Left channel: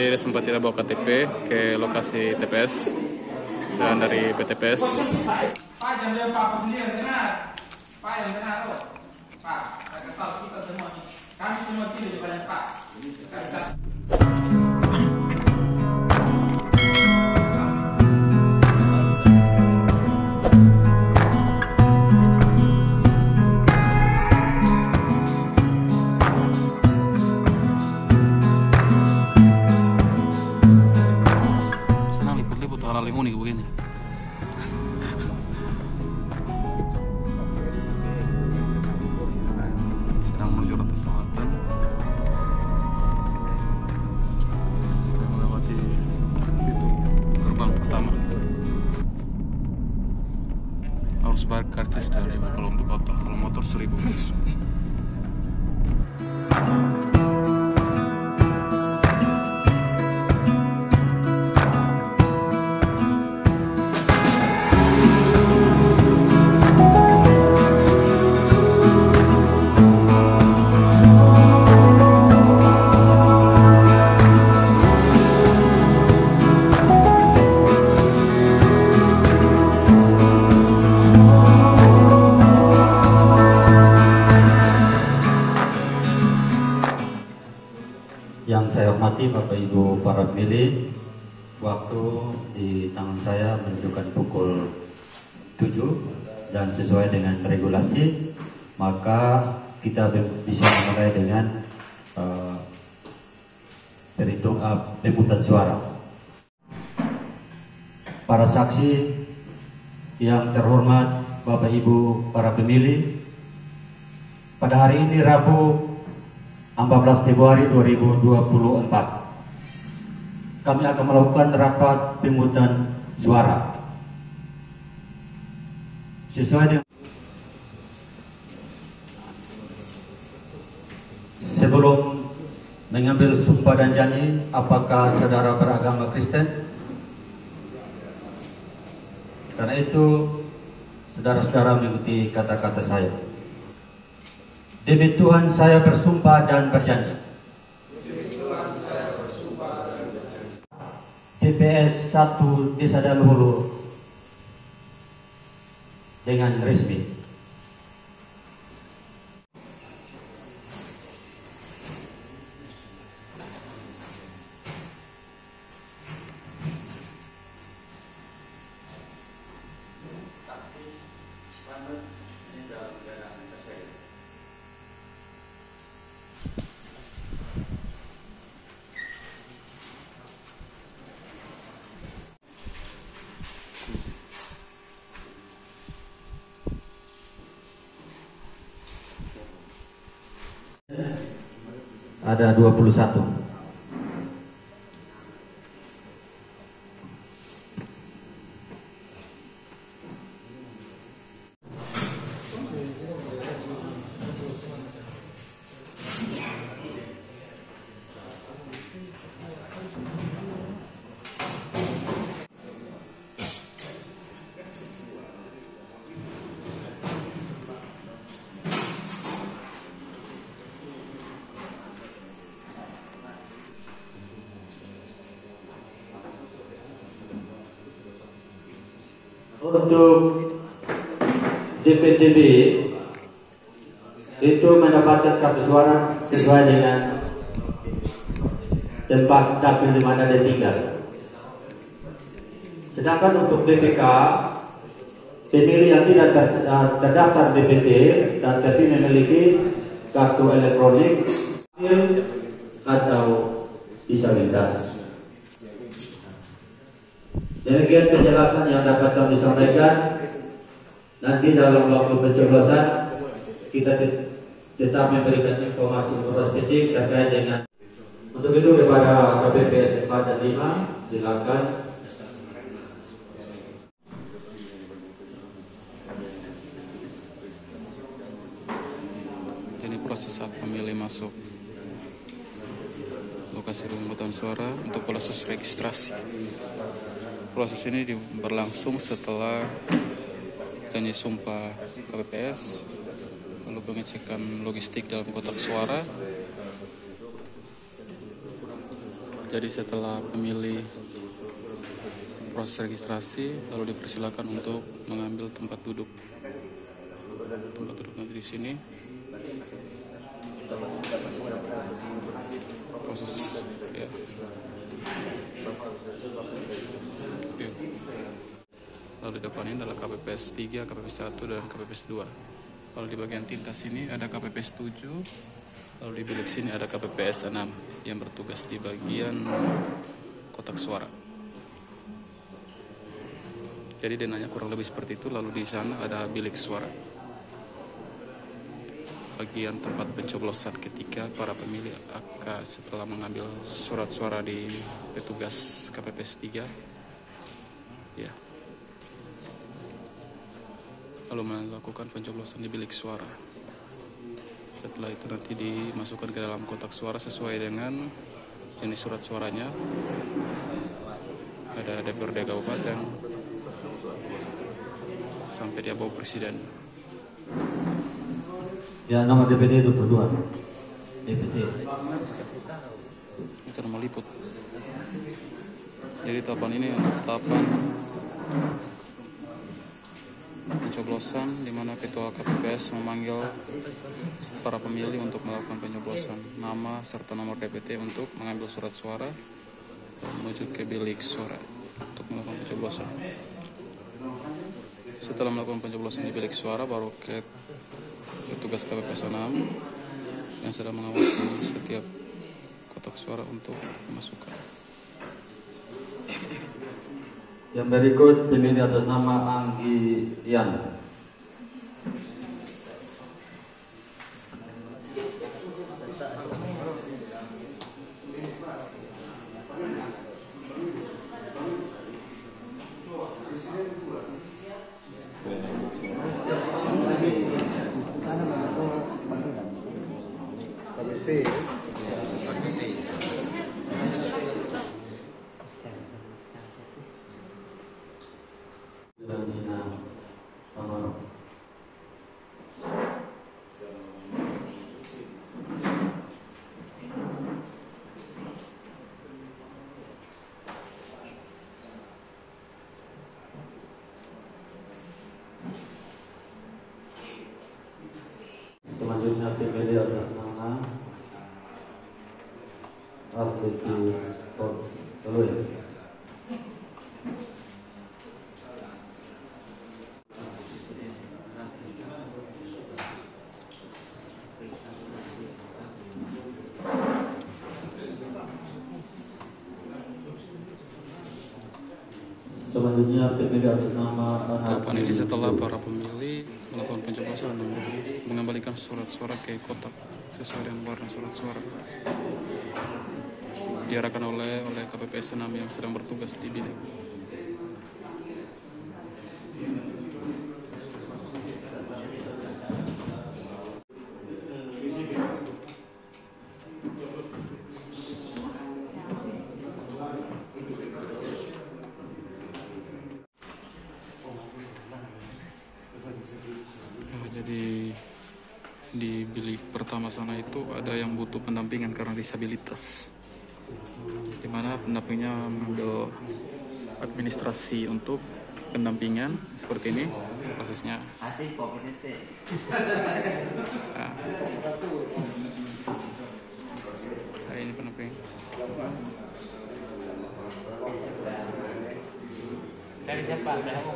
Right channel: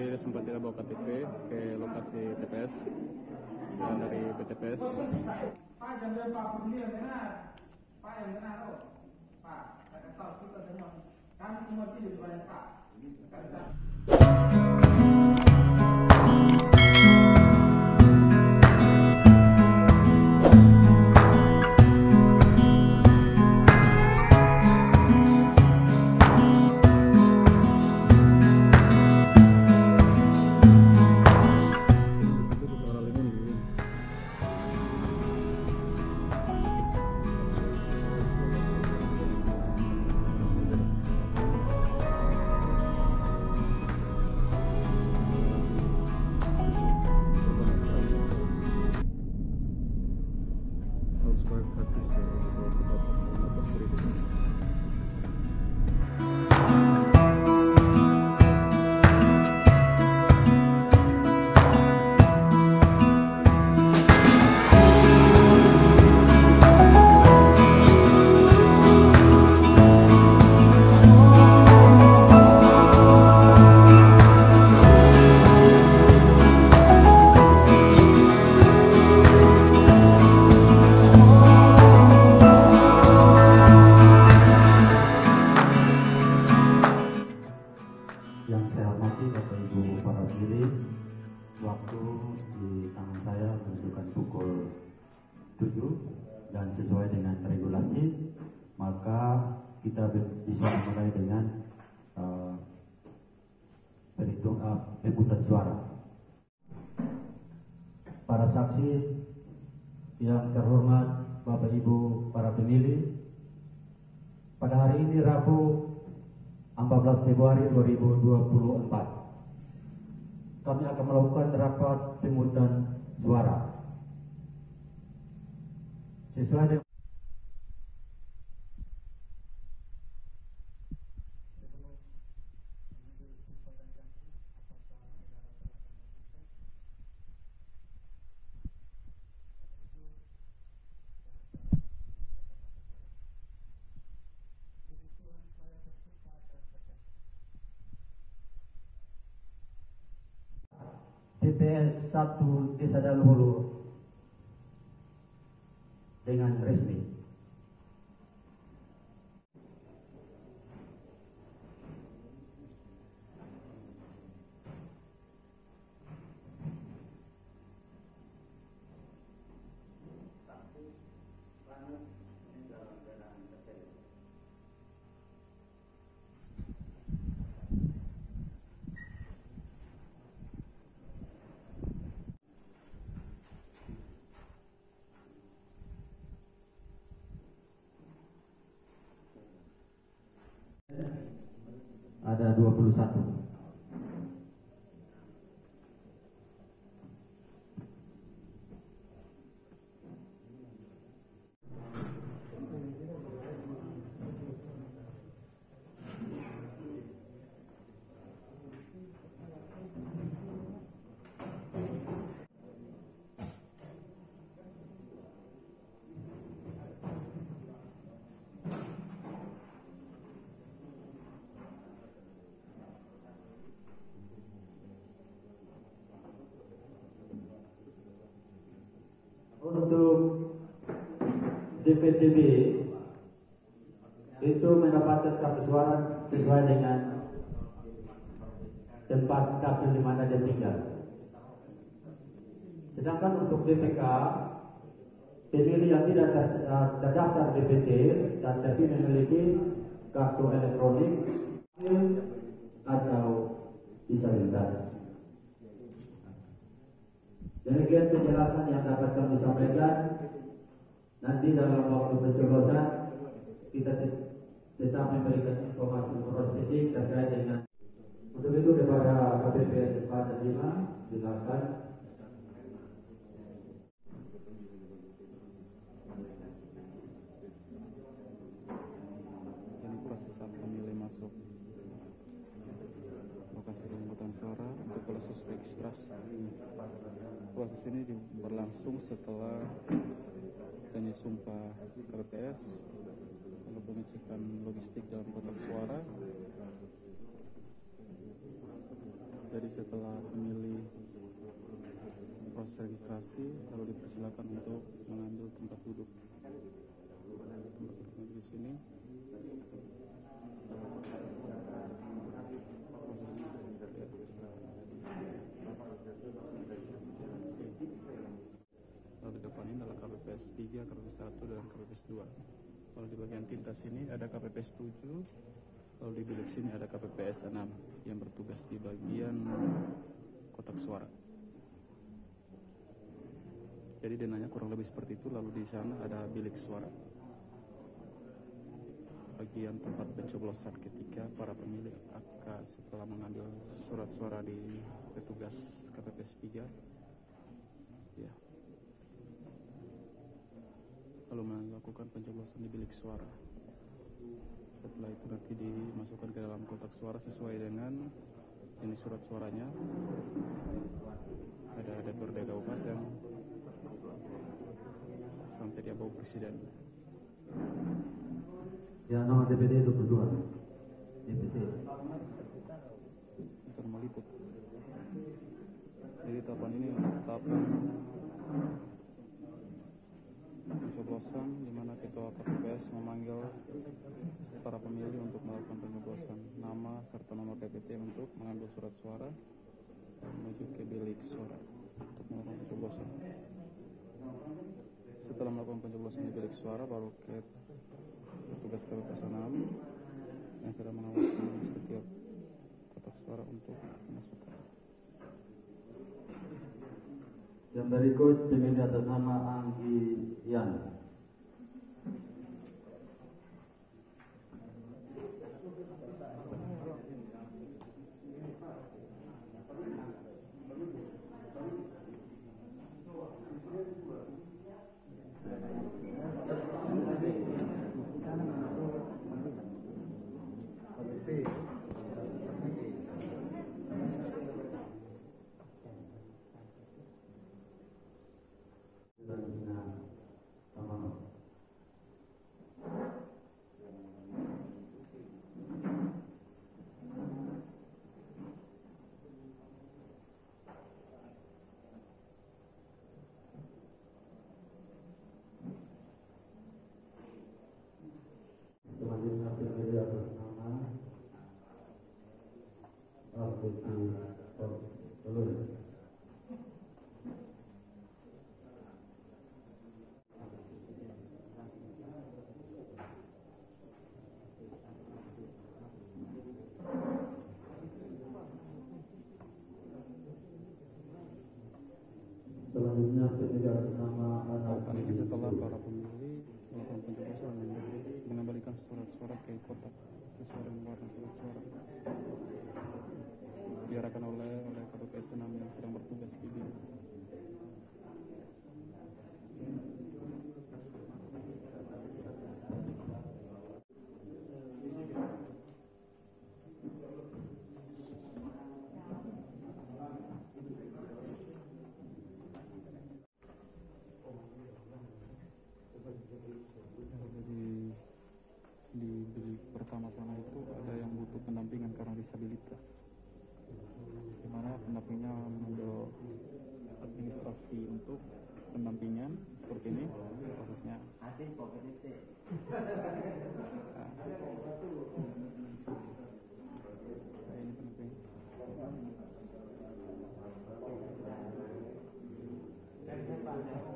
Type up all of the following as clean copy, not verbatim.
Tadi sempat kita bawa KTP ke lokasi TPS dan dari PTPS. Pak, jangan Pak sendiri dengar. Pak yang dengar loh. Pak, saya kesal kita semua nih. Kami semua sini di badan Pak. Sedang menuju Ratu Selatan. Kita melewati pintu gerbang pertama. Harus bayar karcis 2.000 kalau untuk otak, kalau motor 1.000 masuk. Yang saya hormati Bapak Ibu para pemilih, waktu di tangan saya menunjukkan pukul 7 dan sesuai dengan regulasi, maka kita bisa memulai dengan pemungutan suara. Para saksi yang terhormat, Bapak Ibu para pemilih, pada hari ini Rabu 14 Februari 2024 kami akan melakukan rapat pemungutan suara sesuai dengan. Sebelum mengambil sumpah dan janji, apakah saudara beragama Kristen? Karena itu saudara-saudara mengikuti kata-kata saya. Demi Tuhan saya bersumpah dan berjanji. TPS 1 Desa Daluhulu dengan resmi. Ada 21. Untuk DPTB itu mendapatkan kartu suara sesuai dengan tempat dapil di mana dia tinggal. Sedangkan untuk DPK, pemilih yang tidak terdaftar DPT tapi memiliki kartu elektronik atau disabilitas. Demikian penjelasan yang dapat kami sampaikan. Nanti dalam waktu pencoblosan kita tetap memberikan informasi spesifik terkait dengan. Untuk itu kepada KPPS 4 dan 5 silakan. Ini proses saat pemilih masuk lokasi pemungutan suara untuk proses registrasi. Proses ini berlangsung setelah janji sumpah KPPS, lalu pengecekan logistik dalam kotak suara, Jadi setelah pemilih proses registrasi, lalu dipersilakan untuk mengambil tempat duduk. Tempat duduk nanti di sini. Proses ya. Oke. Lalu di depan ini adalah KPPS 3, KPPS 1, dan KPPS 2. Lalu di bagian tinta sini ada KPPS 7. Lalu di bilik sini ada KPPS 6 yang bertugas di bagian kotak suara. Jadi denanya kurang lebih seperti itu. Lalu di sana ada bilik suara, bagian tempat pencoblosan ketika para pemilih akan setelah mengambil surat suara di petugas KPPS 3 ya, lalu melakukan pencoblosan di bilik suara. Setelah itu nanti dimasukkan ke dalam kotak suara sesuai dengan jenis surat suaranya. Ada DPRD kabupaten sampai dia bawa presiden. Ya, nama DPD 22. DPD. Itu nama liput. Jadi tahapan ini tahapan pencoblosan di mana ketua KPPS memanggil para pemilih untuk melakukan pencoblosan nama serta nomor DPT untuk mengambil surat suara dan menuju ke bilik suara untuk melakukan pencoblosan. Setelah melakukan pencoblosan di bilik suara, baru ke petugas KPPS 6 yang sedang mengawasi setiap kotak suara untuk dimasukkan. Yang berikut pemilih atas nama Anggi Yan. Selanjutnya pemilih atas nama Alfiti Toloi. Selanjutnya pemilih atas nama Tahapan ini setelah para pemilih melakukan pencoblosan dan mengembalikan surat suara ke kotak sesuai dengan warna surat suara. Diarahkan oleh KPPS 6 yang sedang bertugas di bilik. Jadi di bilik pertama sana itu ada yang butuh pendampingan karena disabilitas, di mana pendampingnya mengambil administrasi untuk pendampingan seperti ini prosesnya. Nah, ini pendamping. Dari siapa? Dari aku.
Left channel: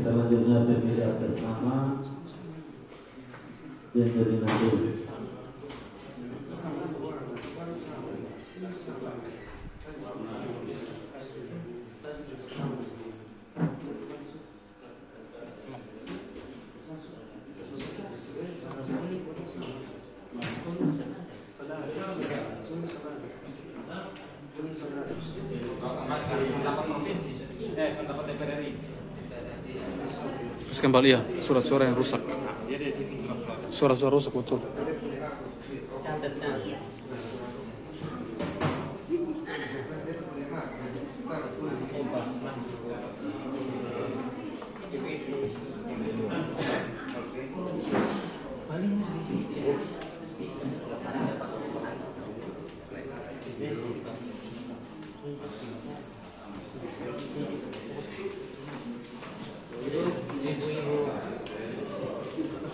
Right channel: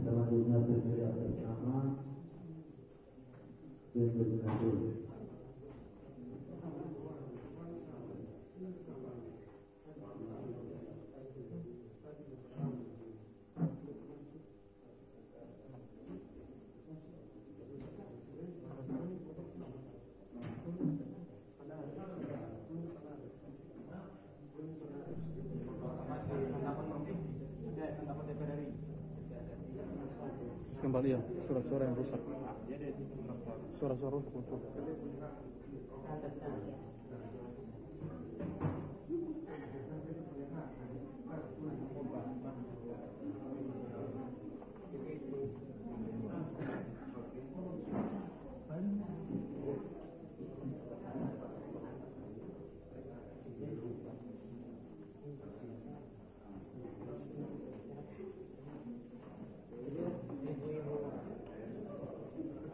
Selanjutnya pemilih atas nama Jenderal Nabi. pendapat provinsi, pendapat DPR RI. Terus kembali ya, surat-surat yang rusak. Surat-surat rusak betul. Catat saya.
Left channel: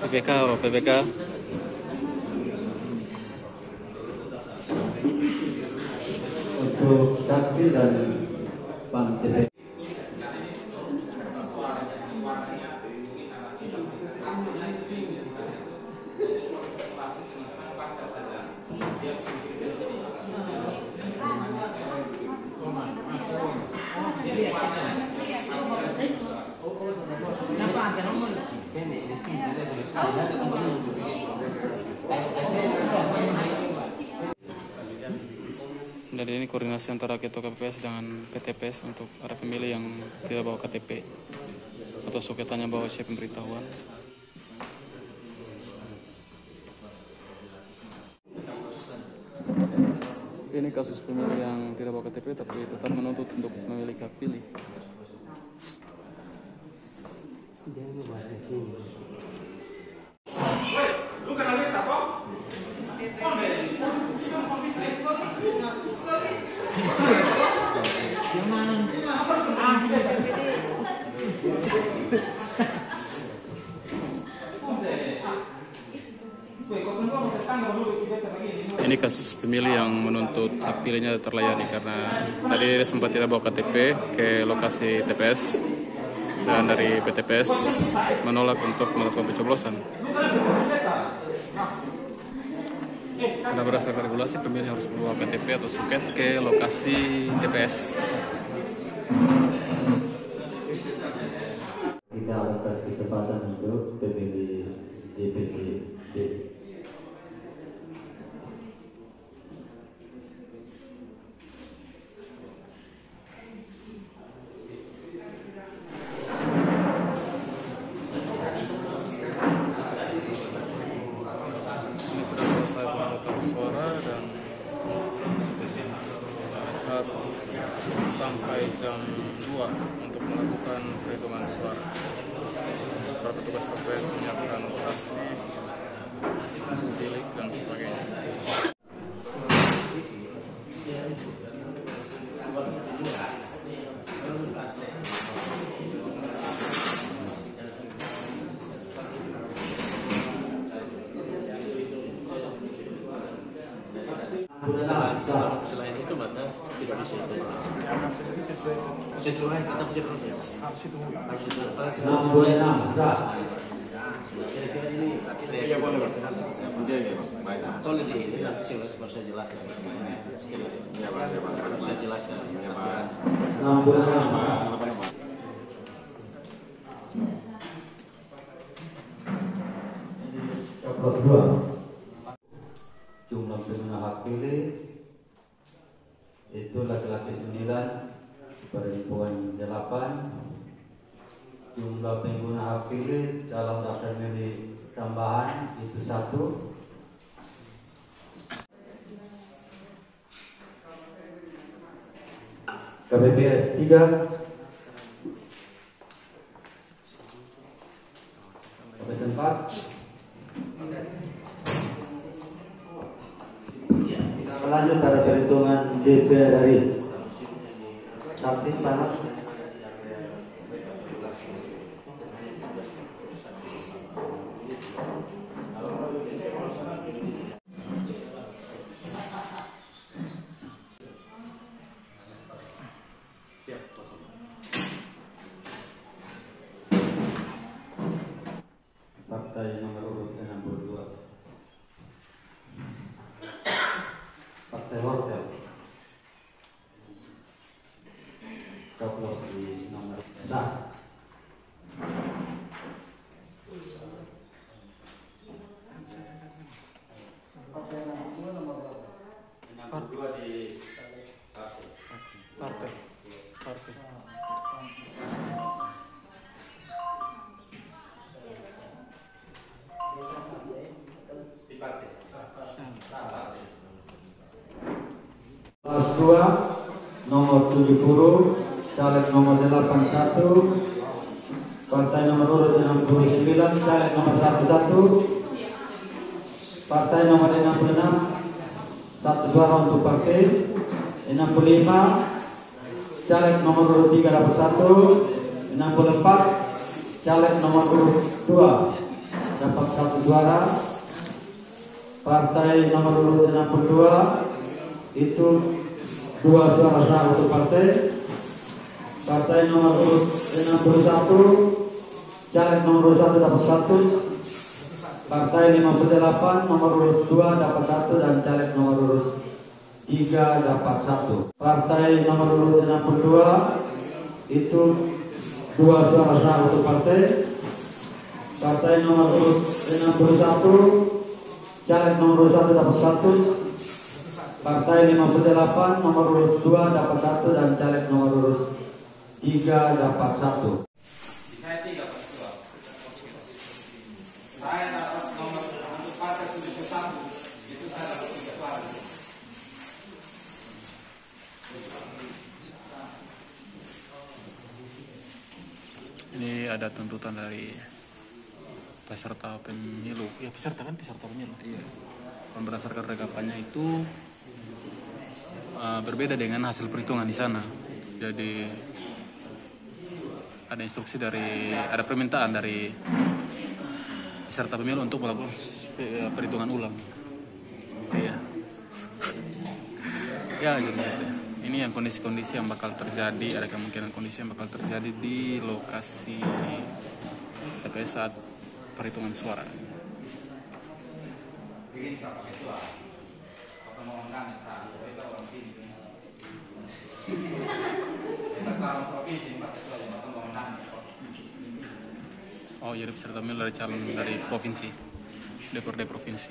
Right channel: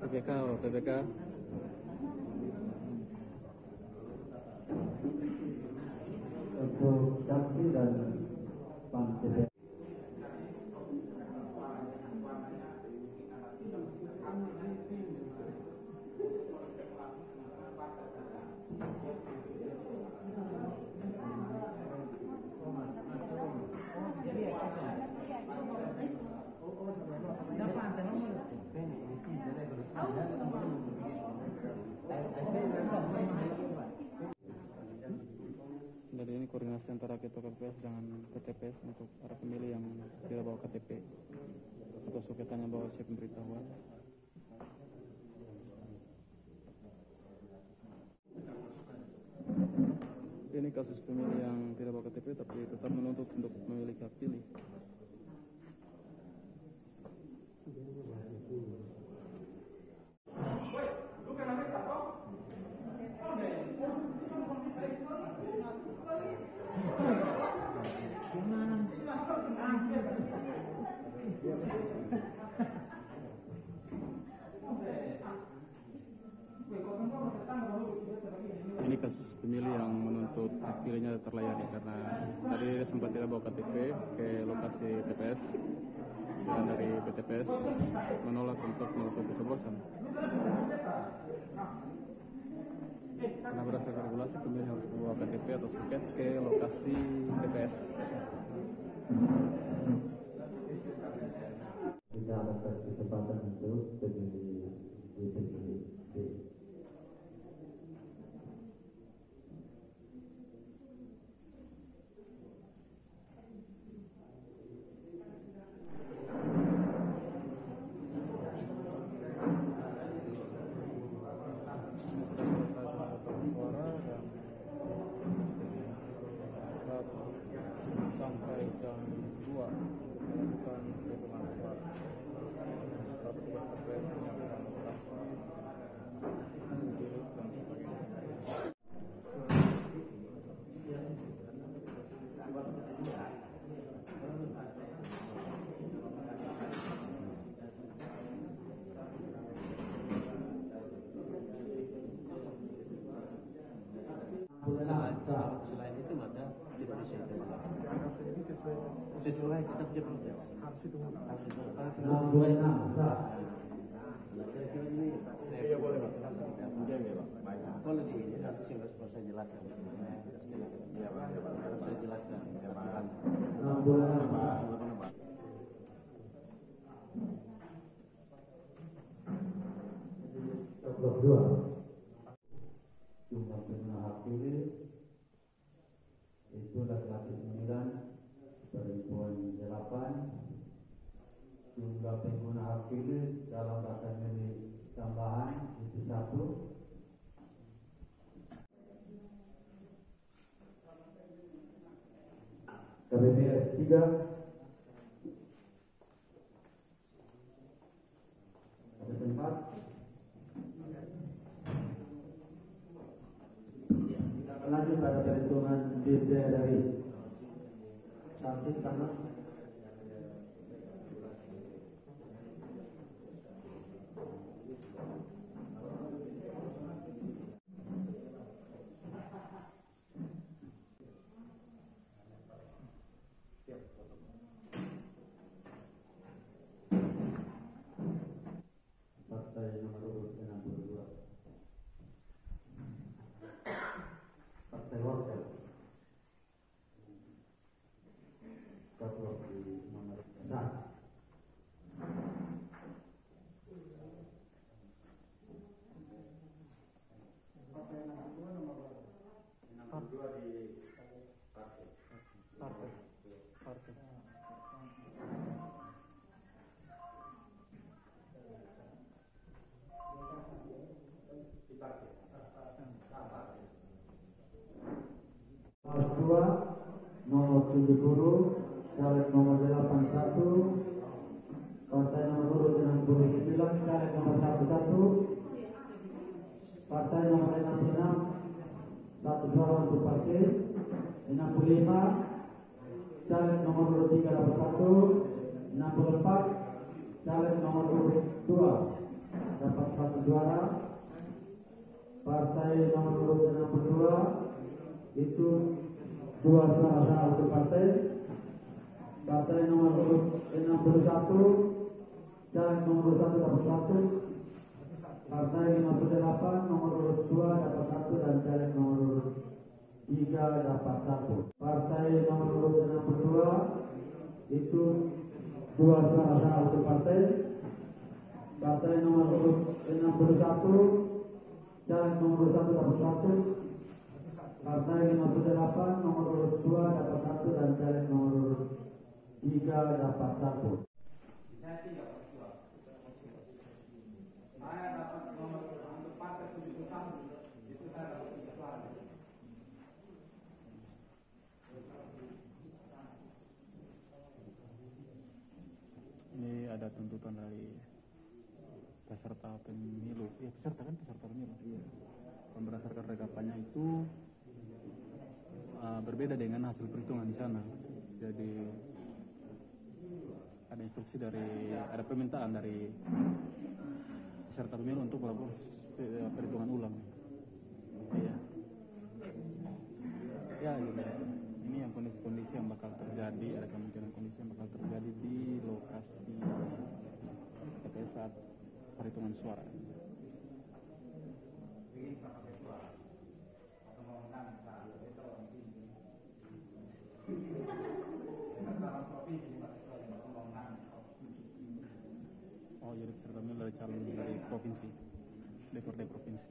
PPK apa PPK? Untuk saksi dan panitia. Dan ini koordinasi antara Ketua KPPS dengan PTPS untuk ada pemilih yang tidak bawa KTP atau suketannya bawa siap pemberitahuan. Ini kasus pemilih yang tidak bawa KTP tapi tetap menuntut untuk memiliki hak pilih. Lu kenal beta kok? Ini kasus pemilih yang menuntut hak pilihnya terlayani karena tadi dia sempat tidak bawa KTP ke lokasi TPS dan dari PTPS menolak untuk melakukan pencoblosan. Karena berdasarkan regulasi pemilih harus membawa KTP atau suket ke lokasi TPS. Kita atas kesempatan untuk pemilih DPD. Ini sudah selesai pemungutan suara dan saat sampai jam 2 untuk melakukan perhitungan suara. Para petugas KPPS menyiapkan lokasi, bilik dan sebagainya. Selain itu mana tidak bisa itu sesuai kita bisa protes harus itu Sesuai nama. kira-kira ini tolong ini nanti saya jelaskan saya jelaskan 66. Coblos 2. Jumlah pengguna hak pilih itu laki-laki 9, perempuan 8. Jumlah pengguna hak pilih dalam daftar pemilih tambahan itu 1. KPPS 3. KPPS 4. Lanjut pada perhitungan DPR RI. Saksi panas. Partai nomor urut 62. Partai Wortel. Coblos 2 nomor 70, caleg nomor 81, partai nomor urut 69, caleg nomor 11, partai nomor 66, 1 suara untuk partai. 65, caleg nomor urut 3 dapat 1. 64, caleg nomor urut 2 dapat 1 suara. Partai nomor urut 62 itu 2 suara sah untuk partai. Partai nomor urut 61, caleg nomor urut 1 dapat 1. Partai 58 nomor urut 2 dapat 1 dan caleg nomor urut 3 dapat 1. Partai nomor urut 62 itu 2 suara sah untuk partai. Partai nomor urut 61, caleg nomor urut 1 dapat 1. Partai 58 nomor urut 2 dapat 1 dan caleg nomor urut 3 dapat 1. Saya 3 dapat 2. Saya dapat nomor untuk partai 71. Itu saya dapat 3 suara. Ini ada tuntutan dari peserta pemilu. Ya peserta pemilu. Iya. Berdasarkan rekapannya itu berbeda dengan hasil perhitungan di sana. Jadi ada instruksi ada permintaan dari peserta pemilu untuk melakukan perhitungan ulang. Iya. Ya gitu. Ini yang kondisi-kondisi yang bakal terjadi, ada kemungkinan kondisi yang bakal terjadi di lokasi TPS saat perhitungan suara. Oh, jadi peserta pemilu dari calon dari provinsi, DPRD provinsi.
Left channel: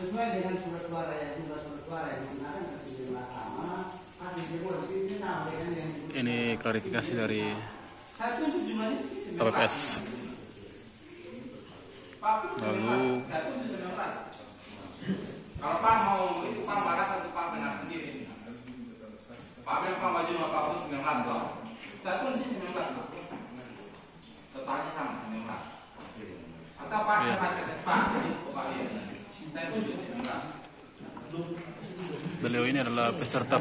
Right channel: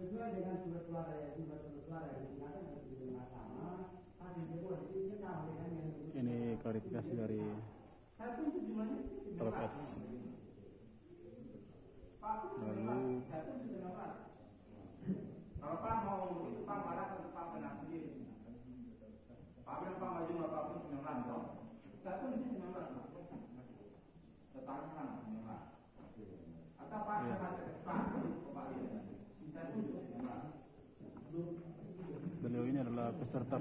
Sesuai dengan surat suara yang jumlah surat suara yang digunakan hasil mahkamah, hasil semua di sini sama dengan yang Ini klarifikasi dari Saya tunjuk jumlahnya sih 19. KPPS. Pak, Lalu saya tunjuk 19. Kalau Pak mau itu Pak marah atau Pak benar sendiri. Pak bilang Pak maju sama Pak pun 19 loh. Saya pun sih 19 loh. Totalnya sama 19. Atau Pak saya baca ke Pak, jadi Pak lihat. Saya tunjuk 19. beliau ini adalah peserta.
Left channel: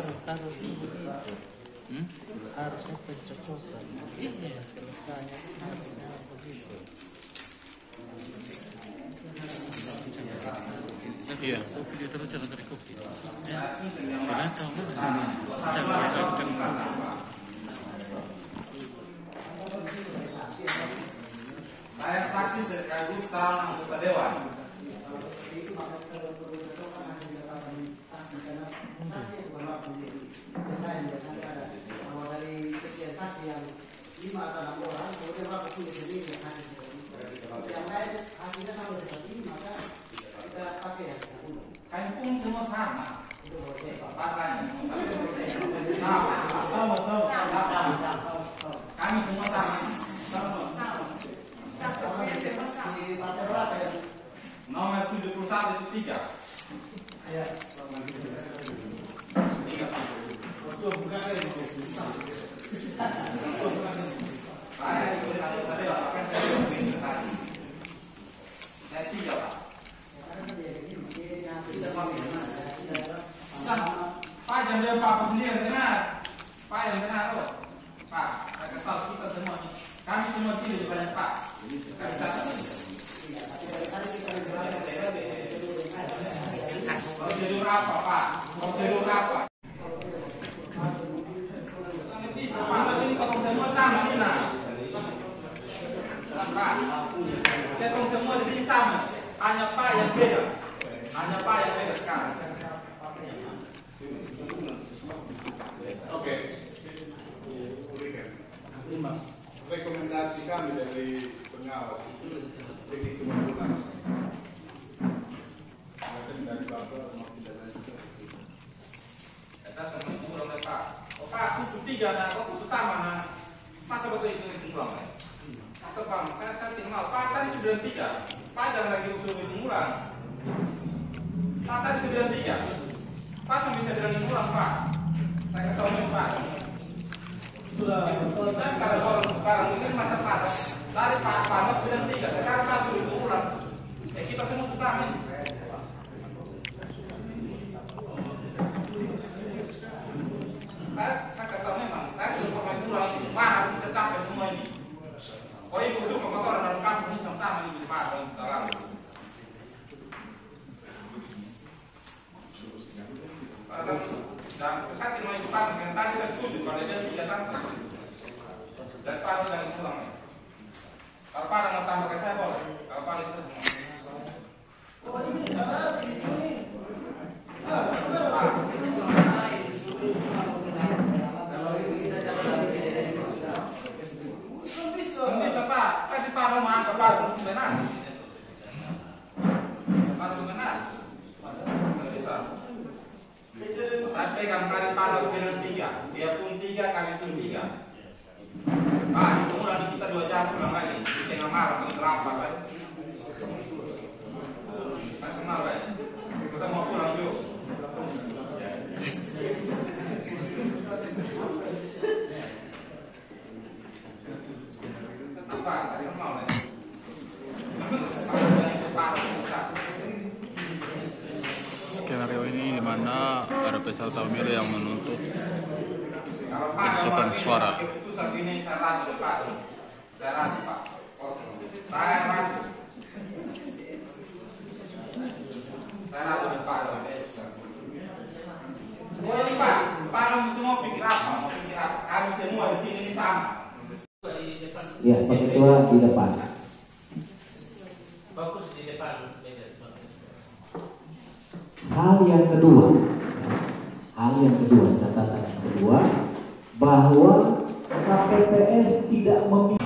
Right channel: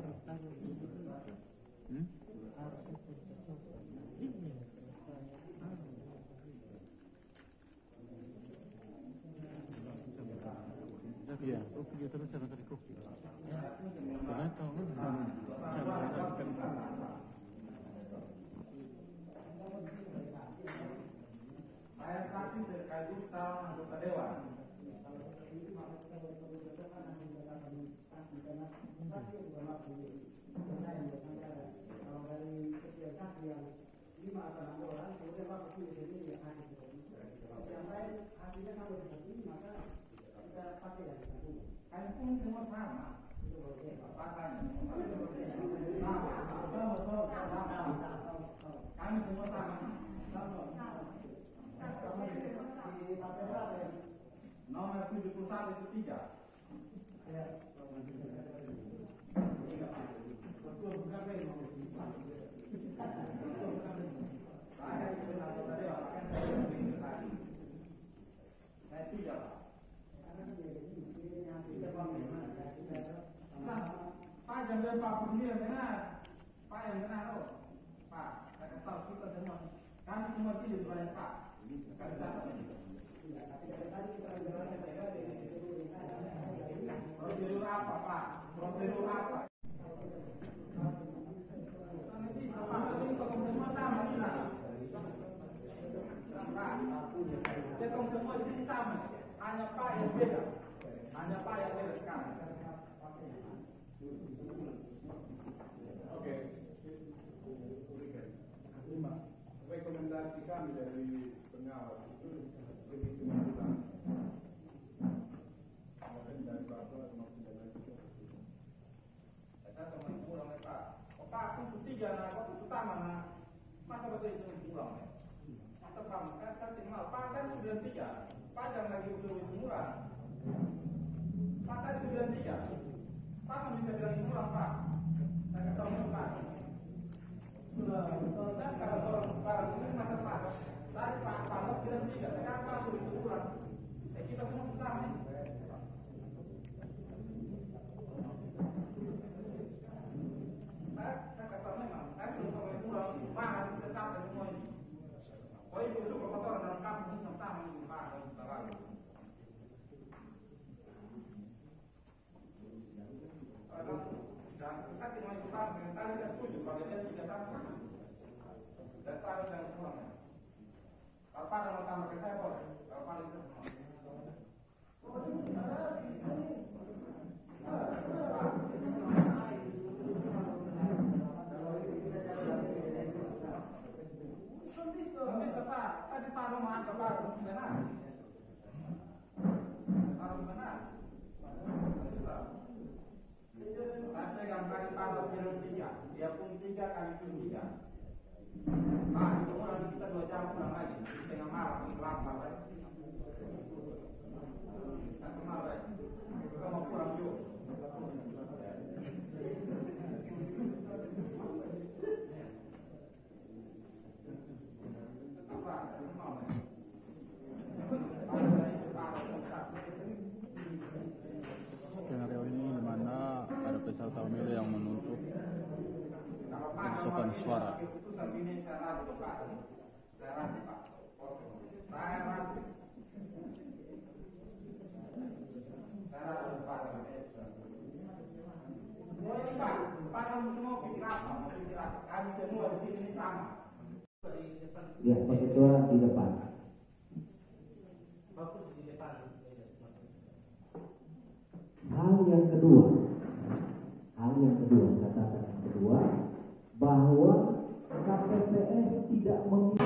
Iya. Saya saksi sekaligus calon anggota dewan. dari sekian saksi yang 5 atau 6 orang, kemudian Bapak tulis sendiri hasil seperti itu. Yang lain hasilnya sama seperti ini, maka kita pakai yang kita umum. Kami pun semua sama. Itu menurut saya. Partainya sama. Kami semua sama. Di partai berapa ya? Nomor 71 itu 3. Ya. Saya ikut anggota dewan, bahkan saya ikut tadi. Saya 3 Pak. Pak jangan bilang Pak sendiri yang benar. Pak yang benar loh. Pak, saya kesal kita semua nih. Kami semua pilih kepada Pak. Kami catat ini. Prosedur apa Pak? Prosedur apa? Bisa Pak, ini kalau semua sama nih nah. Pak, kita semua di sini sama. Hanya Pak yang beda. Hanya Pak yang beda sekarang. Oke. 3, nah kok khusus sama, nah masa betul itu ulang ya? Masa Bang, saya tinggal, Pak tadi 93, Pak jangan lagi usul hitung ulang. Pak tadi 93, Pak bisa bilang ulang Pak. Saya kasih tahu Pak. Sudah, kalau sekarang ini masa panas, dari Pak panas 93, sekarang Pak suruh hitung ulang. Kita semua susah nih. Saya kasih tahu memang, saya sudah informasi ulang, Pak harus kita capai semua ini. Oh ibu suka kotoran dalam kampung ini sama-sama ini Pak, kalau kita lalu. Dan saya tidak mau ikut Pak, dengan tadi saya setuju, kalau dia tidak sama saya setuju. Dan Pak jangan pulang ya. Kalau Pak mau tambah ke saya boleh, kalau Pak itu semua. Oh ini ada segitu nih. Bisa Pak, kasih Pak mau angkat Pak, benar. Baru benar. Bisa. Saya pegang kali panas dengan 3, dia pun 3 kali pun 3. Pak, itu mulai kita 2 jam pulang lagi, di tengah malam, di kelapa Pak. Saya kenal Pak, kita mau pulang yuk. Skenario ini di mana ada peserta pemilu yang menuntut penyusupan suara. Keputusan ini saya ragu Pak. Saya ragu Pak. Saya ragu. Saya ragu Pak. Oh ini Pak, Pak semua pikir apa? Mau pikir apa? Kami semua di sini ini sama. Ya, Pak Ketua di depan. Fokus di depan meja. Hal yang kedua, catatan yang kedua, bahwa KPPS tidak memiliki